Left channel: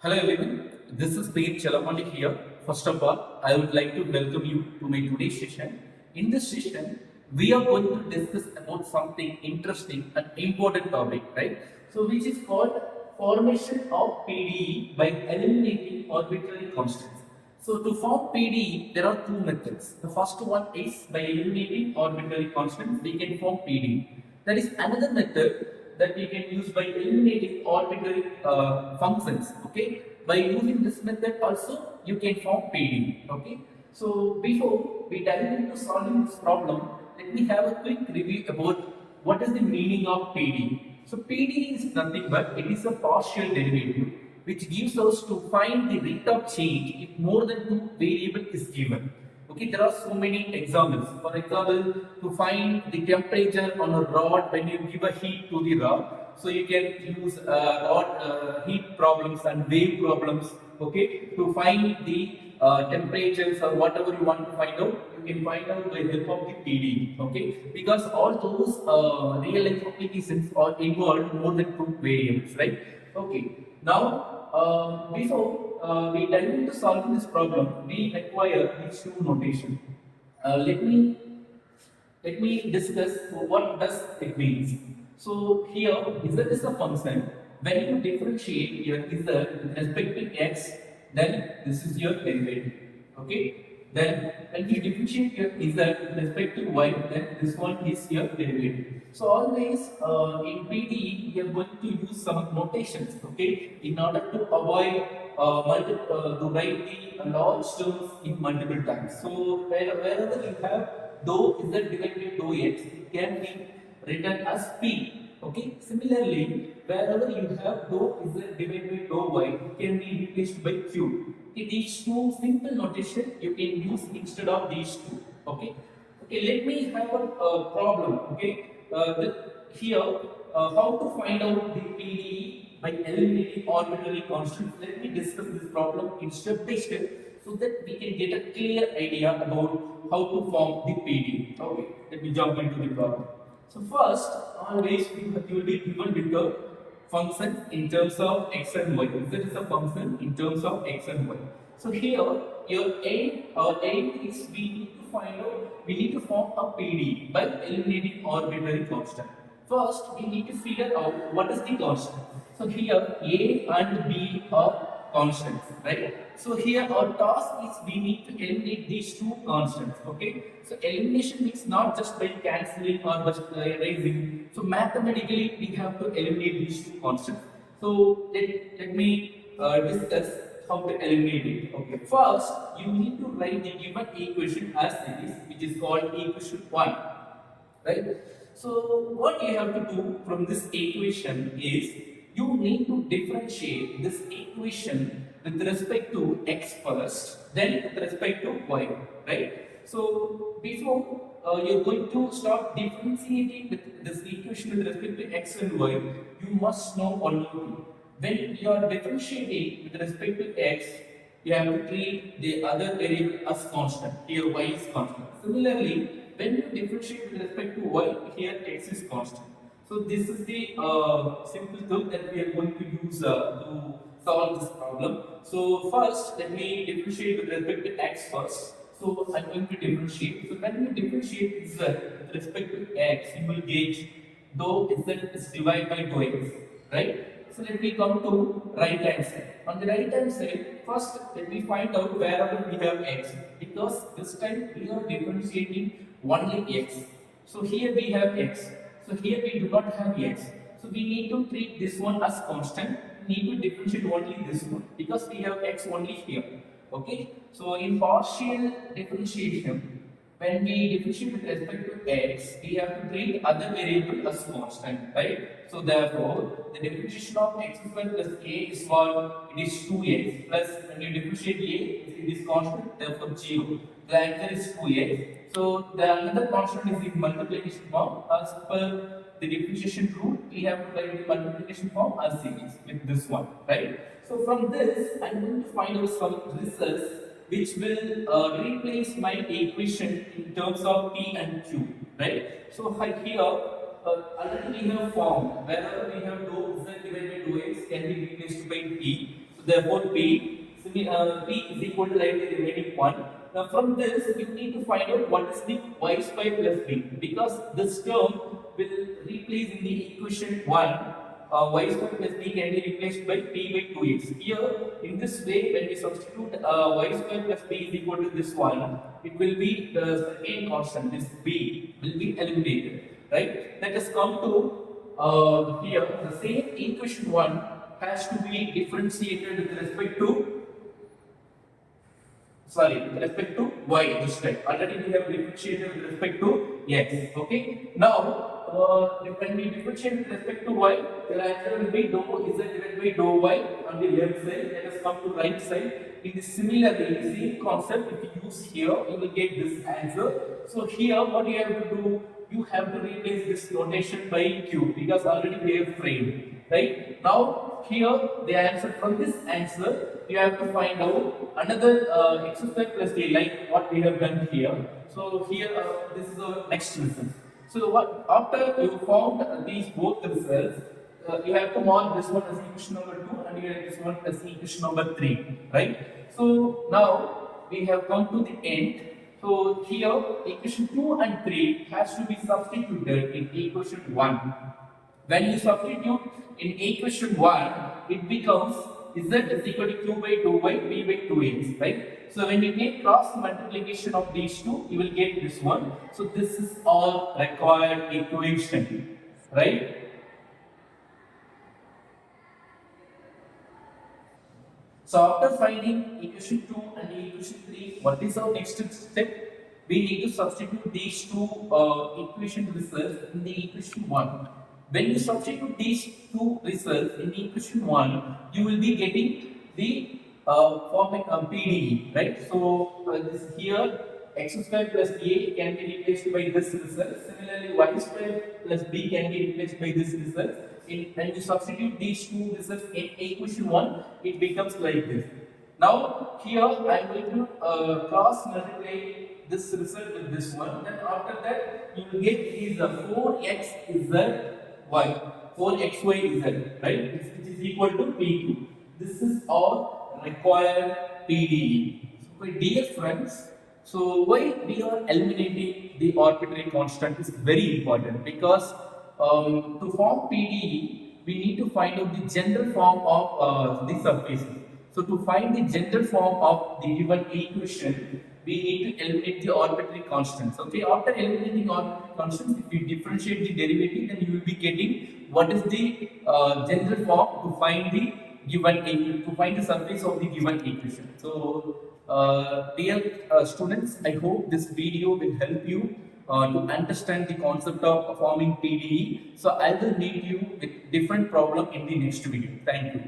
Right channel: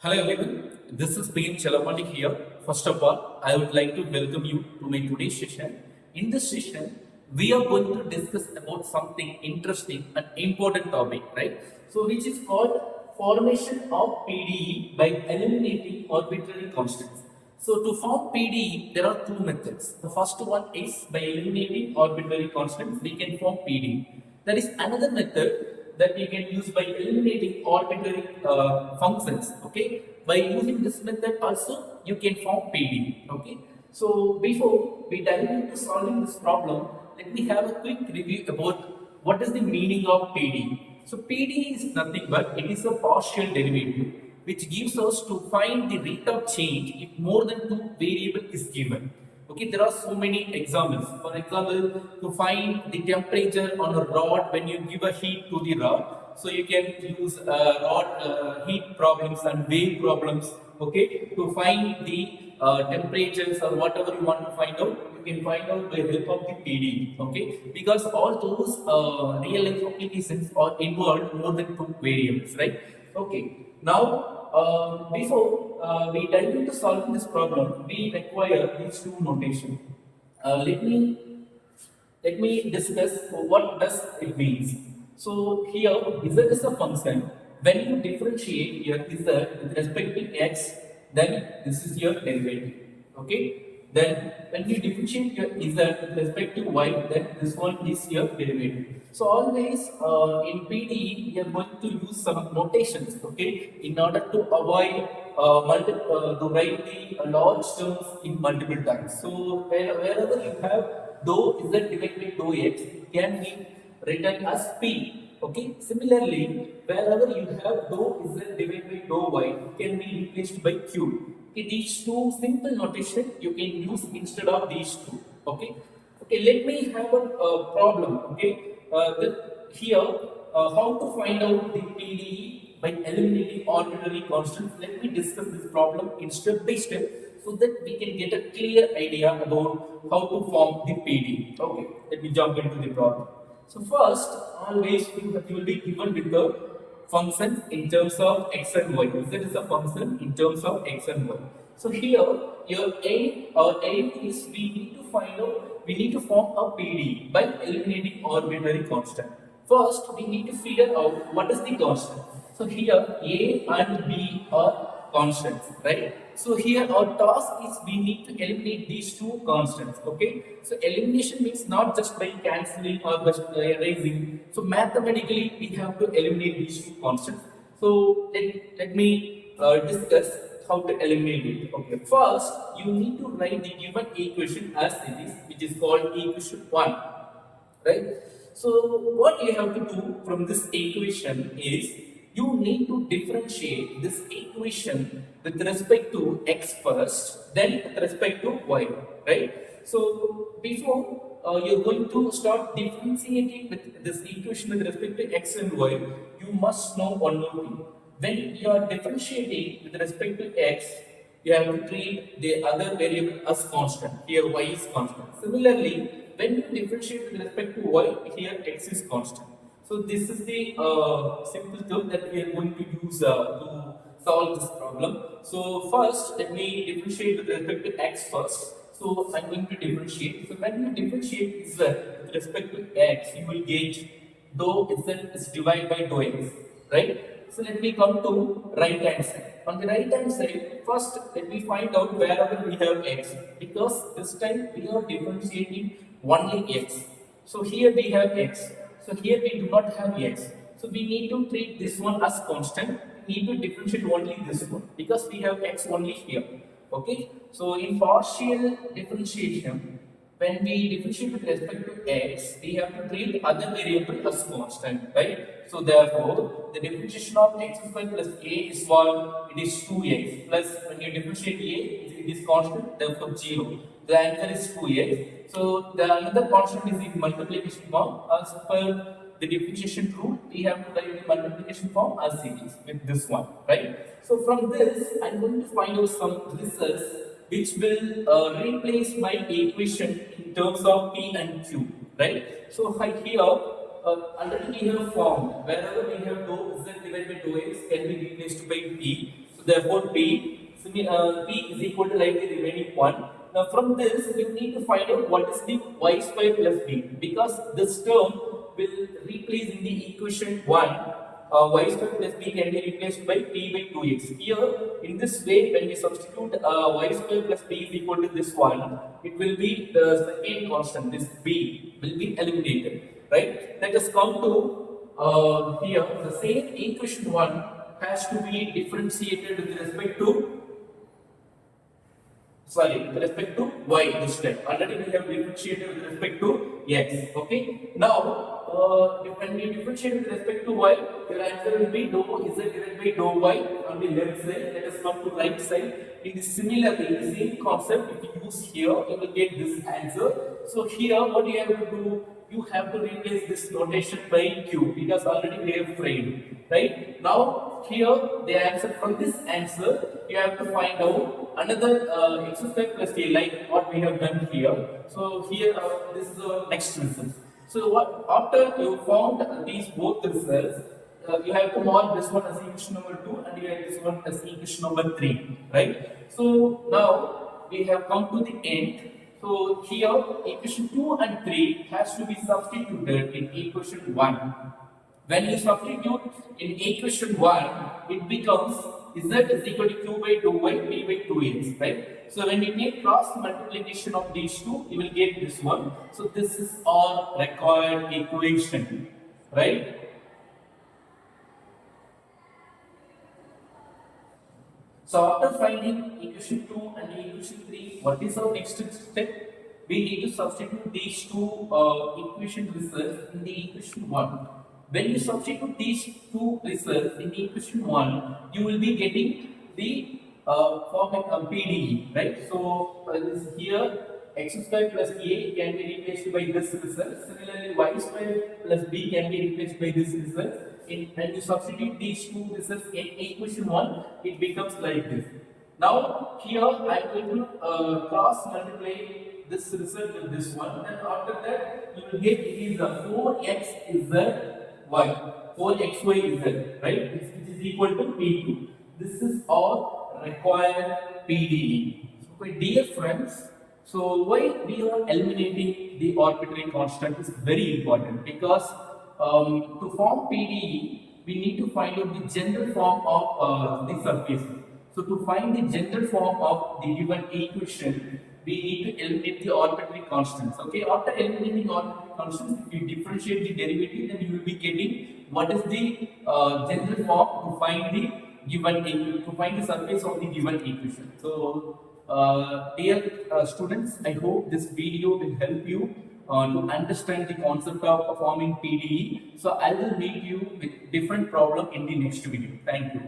Hello everyone, this is P. Chalamani here. First of all, I would like to welcome you to my today's session. In this session, we are going to discuss about something interesting and important topic, right? So, which is called formation of PDE by eliminating arbitrary constants. So, to form PDE, there are two methods. The first one is by eliminating arbitrary constants, we can form PDE. There is another method that you can use by eliminating arbitrary functions. Okay, by using this method also you can form PD. Okay, so before we dive into solving this problem, let me have a quick review about what is the meaning of PD. So PD is nothing but it is a partial derivative which gives us to find the rate of change if more than two variable is given. Okay, there are so many examples. For example, to find the temperature on a rod when you give a heat to the rod, so you can use rod heat problems and wave problems. Okay, to find the temperatures or whatever you want to find out, you can find out by help of the PD. Okay, because all those real life applications are involved more than two variables, right? Okay, now before we dive into solving this problem, we require these two notation. Let me discuss what does it means. So here z is a function. When you differentiate your z with respect to x, then this is your derivative. Okay. Then when you differentiate your z with respect to y, then this one is your derivative. So always in PDE we are going to use some notations. Okay, in order to avoid to write the large terms in multiple times. So wherever you have dou z divided by dou x, it can be written as p. Okay. Similarly, wherever you have dou z divided by dou y, it can be replaced by q. Okay, these two simple notation you can use instead of these two. Okay. Okay. Let me have a problem. Okay. Here, how to find out the PDE by eliminating arbitrary constants. Let me discuss this problem in step by step so that we can get a clear idea about how to form the PD. Okay, let me jump into the problem. So first, always you will be given with the function in terms of x and y. That is a function in terms of x and y. So here, your aim is we need to find out, we need to form a PD by eliminating arbitrary constant. First, we need to figure out what is the constant. So here, A and B are constants, right? So here our task is we need to eliminate these two constants. Okay, so elimination means not just by cancelling or just erasing. So mathematically we have to eliminate these two constants. So let me discuss how to eliminate it. Okay, first you need to write the given equation as it is, which is called equation 1, right? So what you have to do from this equation is you need to differentiate this equation with respect to x first, then with respect to y, right? So before you're going to start differentiating with this equation with respect to x and y, you must know one more thing. When you are differentiating with respect to x, you have to treat the other variable as constant. Here y is constant. Similarly, when you differentiate with respect to y, here x is constant. So this is the simple term that we are going to use to solve this problem. So first, let me differentiate with respect to x first. So I'm going to differentiate. So when you differentiate z with respect to x, you will get dou z is divided by dou x, right? So let me come to right hand side. On the right hand side, first let me find out wherever we have x, because this time we are differentiating only x. So here we have x. So here we do not have x. So we need to treat this one as constant. We need to differentiate only this one because we have x only here. Okay. So in partial differentiation, when we differentiate with respect to x, we have to treat other variable as constant, right? So therefore, the differentiation of x square plus a is what? It is 2x plus when you differentiate a, it is constant, therefore 0. The answer is 2x. So the another constant is in multiplication form. As per the differentiation rule, we have to write the multiplication form as series with this one, right? So from this, I'm going to find out some results which will replace my equation in terms of p and q, right? So here already we have formed wherever we have dou z divided by dou x can be replaced by p. So therefore P is equal to like the remaining one. Now from this you need to find out what is the y square plus b, because this term will replace in the equation 1. Y square plus b can be replaced by p by 2x. Here in this way, when we substitute y square plus b is equal to this one, it will be the second constant, this b will be eliminated, right? Let us come to here the same equation 1 has to be differentiated with respect to with respect to y this time. Already we have differentiated with respect to x. Okay. Now, when we differentiate with respect to y, the answer will be dou z divided by dou y on the left side. Let us come to right side. In the similarly, same concept, if you use here, you will get this answer. So here, what you have to do, you have to replace this notation by q, because already we have framed, right? Now here the answer, from this answer you have to find out another x square plus a, like what we have done here. So here this is our next result. So what, after you found these both results, you have to mark this one as equation number 2 and you have this one as equation number 3, right? So now we have come to the end. So here equation 2 and 3 has to be substituted in equation 1. When you substitute in equation 1, it becomes z is equal to q by 2y, p by 2x, right? So when you make cross multiplication of these two, you will get this one. So this is all required equation, right? So after finding equation 2 and equation 3, what is our next step? We need to substitute these two equation results in the equation 1. When you substitute these two results in the equation 1, you will be getting the format of PDE, right? So this here x square plus a can be replaced by this result. Similarly, y square plus b can be replaced by this result. When you substitute these two results in equation 1, it becomes like this. Now here I am going to cross multiply this result with this one. Then after that you will get is 4x is the y, 4xy is z, right? Which is equal to p2. This is all required PDE. So dear friends, so why we are eliminating the arbitrary constant is very important, because to form PDE, we need to find out the general form of the surface. So to find the general form of the given equation, we need to eliminate the arbitrary constants. Okay, after eliminating arbitrary constants, if you differentiate the derivative, then you will be getting what is the general form to find the given surface of the given equation. So dear students, I hope this video will help you to understand the concept of forming PDE. So I will meet you with different problem in the next video. Thank you.